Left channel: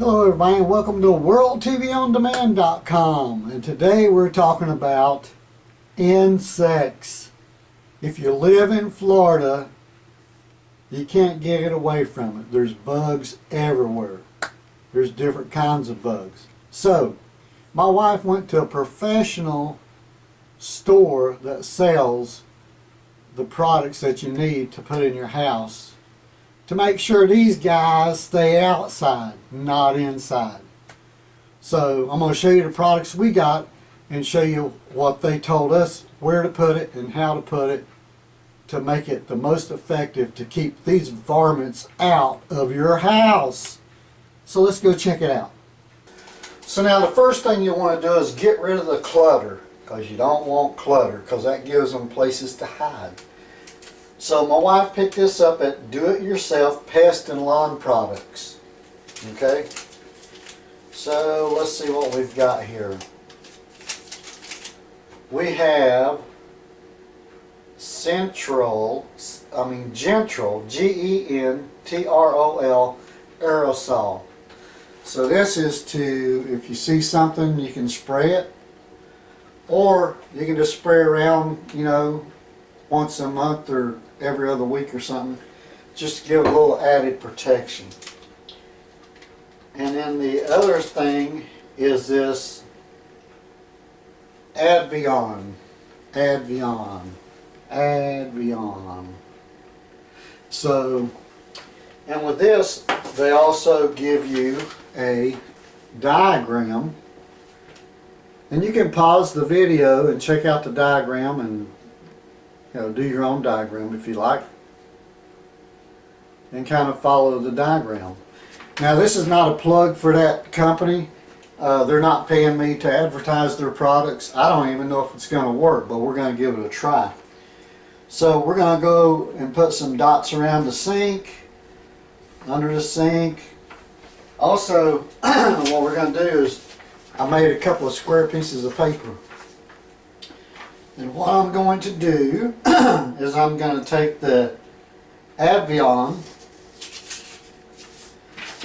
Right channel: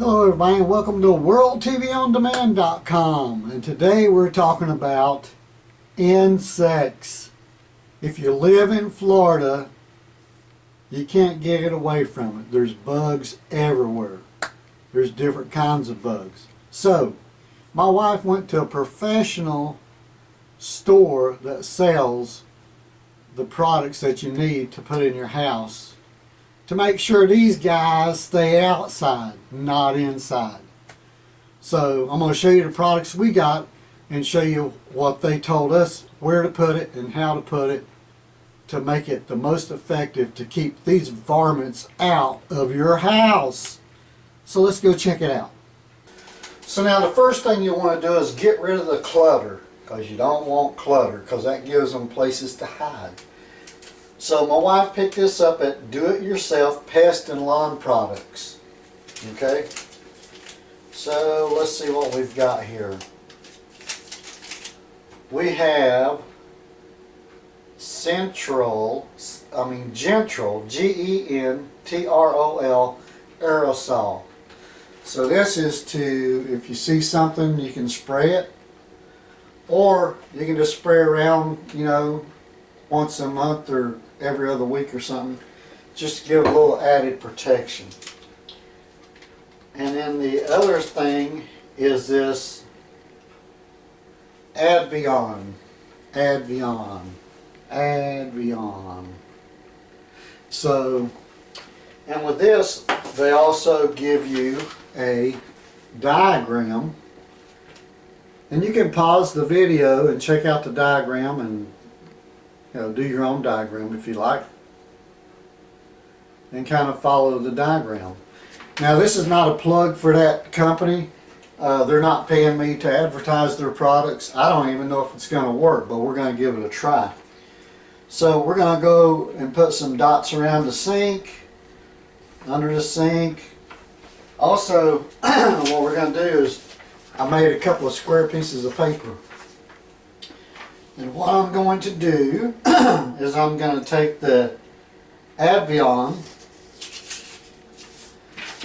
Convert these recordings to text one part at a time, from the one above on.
Hello everybody and welcome to WorldTVOnDemand.com, and today we're talking about insects. If you live in Florida, you can't get away from it. There's bugs everywhere. There's different kinds of bugs. So, my wife went to a professional store that sells the products that you need to put in your house to make sure these guys stay outside, not inside. So I'm going to show you the products we got and show you what they told us, where to put it and how to put it to make it the most effective to keep these varmints out of your house. So let's go check it out. So now the first thing you want to do is get rid of the clutter, because you don't want clutter, because that gives them places to hide. So my wife picked this up at It Yourself Pest and Lawn Products. Okay, so let's see what we've got here. We have Gentrol, Gentrol Aerosol. So this is to, if you see something, you can spray it, or you can just spray around, you know, once a month or every other week or something, just to give a little added protection. And then the other thing is this Advion. So, and with this, they also give you a diagram, and you can pause the video and check out the diagram and do your own diagram if you like, and kind of follow the diagram. Now this is not a plug for that company. They're not paying me to advertise their products. I don't even know if it's going to work, but we're going to give it a try. So we're going to go and put some dots around the sink, under the sink. Also, what we're going to do is, I made a couple of square pieces of paper. And what I'm going to do is I'm going to take the Advion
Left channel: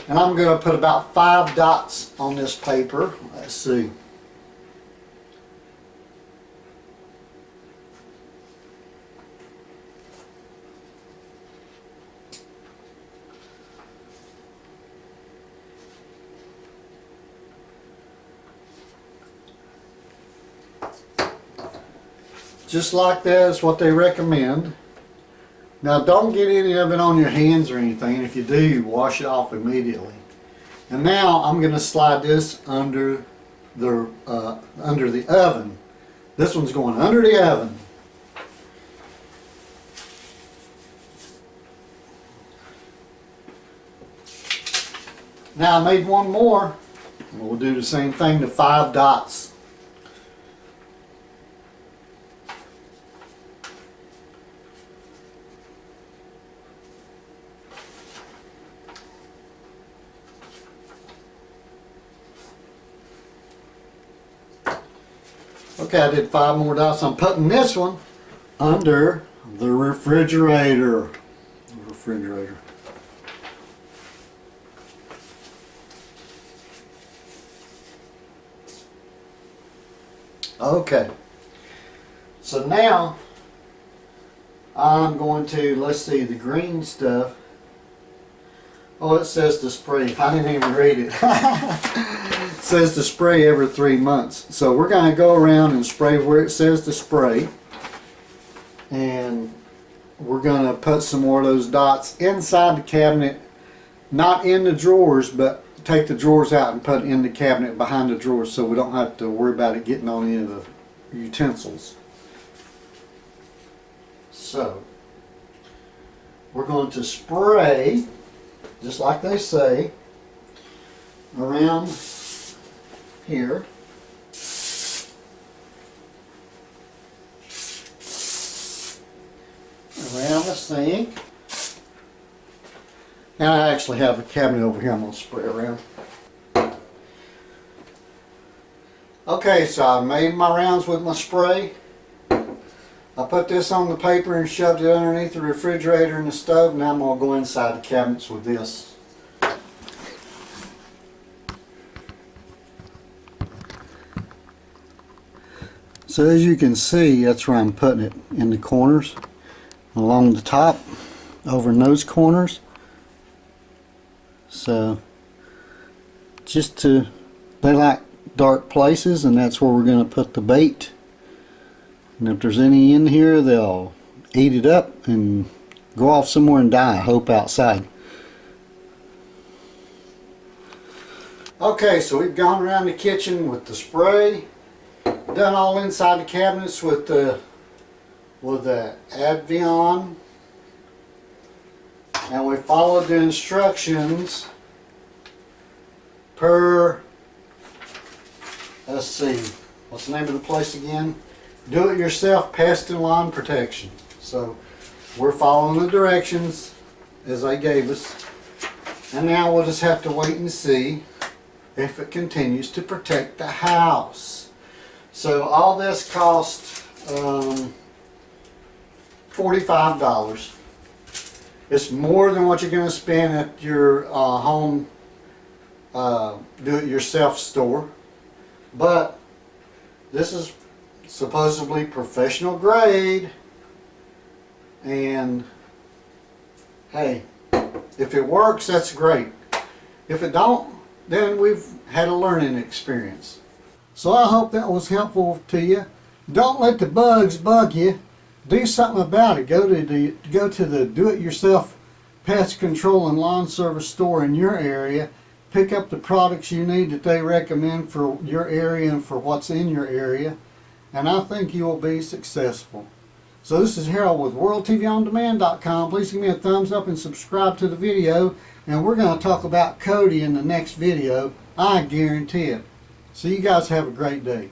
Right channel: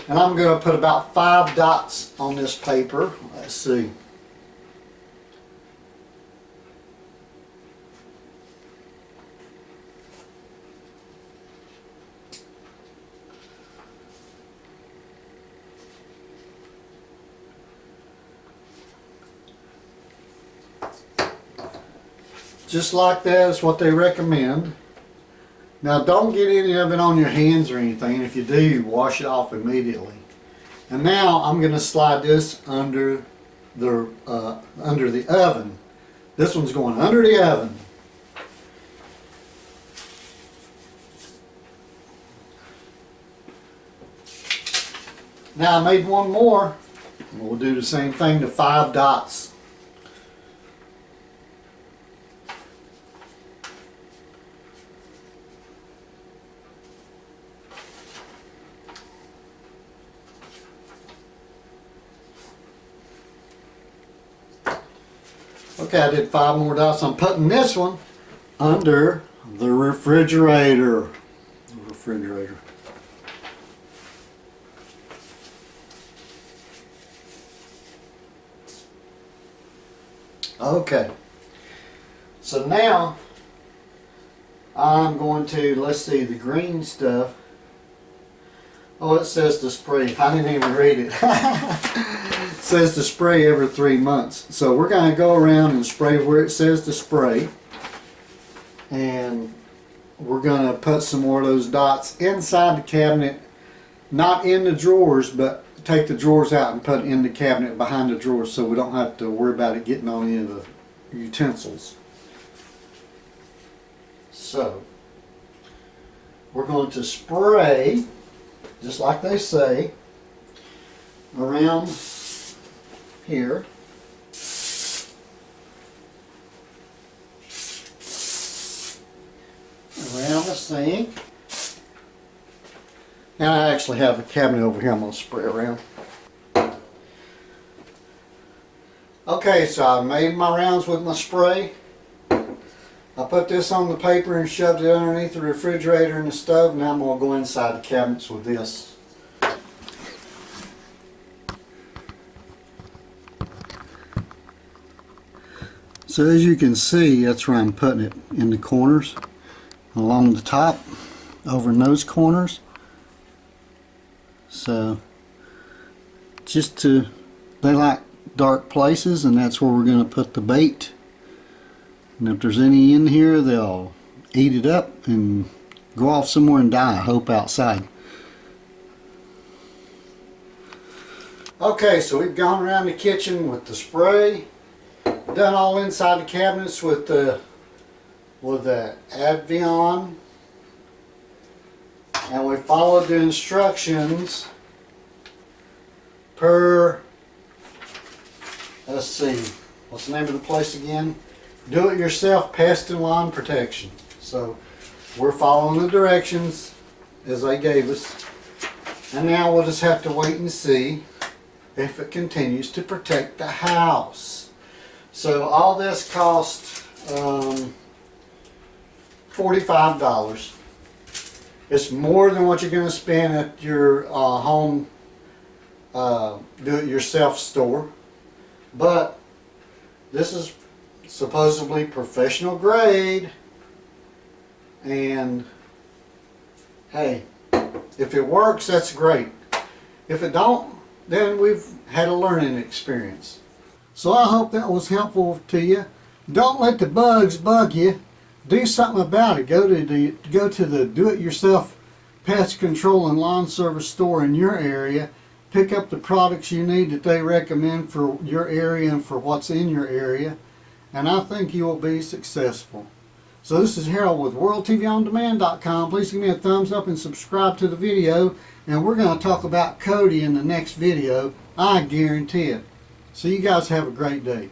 and I'm going to put about 5 dots on this paper. Let's see. Just like that is what they recommend. Now don't get any of it on your hands or anything. If you do, wash it off immediately. And now I'm going to slide this under the oven. This one's going under the oven. Now I made one more. We'll do the same thing to 5 dots. Okay, I did 5 more dots. I'm putting this one under the refrigerator. Okay. So now I'm going to, let's see, the green stuff. Oh, it says to spray. I didn't even read it. It says to spray every 3 months. So we're going to go around and spray where it says to spray. And we're going to put some more of those dots inside the cabinet. Not in the drawers, but take the drawers out and put it in the cabinet behind the drawers, so we don't have to worry about it getting on any of the utensils. So we're going to spray, just like they say, around here. Around the sink. And I actually have a cabinet over here I'm going to spray around. Okay, so I made my rounds with my spray. I put this on the paper and shoved it underneath the refrigerator and the stove. Now I'm going to go inside the cabinets with this. So as you can see, that's where I'm putting it, in the corners, along the top, over in those corners. So they like dark places, and that's where we're going to put the bait. And if there's any in here, they'll eat it up and go off somewhere and die, I hope outside. Okay, so we've gone around the kitchen with the spray, done all inside the cabinets with the Advion, and we followed the instructions per, let's see, what's the name of the place again? Do It Yourself Pest and Lawn Protection. So we're following the directions as they gave us, and now we'll just have to wait and see if it continues to protect the house. So all this cost $45. It's more than what you're going to spend at your home do-it-yourself store, but this is supposedly professional grade, and hey, if it works, that's great. If it don't, then we've had a learning experience. So I hope that was helpful to you. Don't let the bugs bug you. Do something about it. Go to the do-it-yourself pest control and lawn service store in your area. Pick up the products you need that they recommend for your area and for what's in your area, and I think you will be successful. So this is Harold with WorldTVOnDemand.com. Please give me a thumbs up and subscribe to the video, and we're going to talk about Cody in the next video. I guarantee it. So you guys have a great day.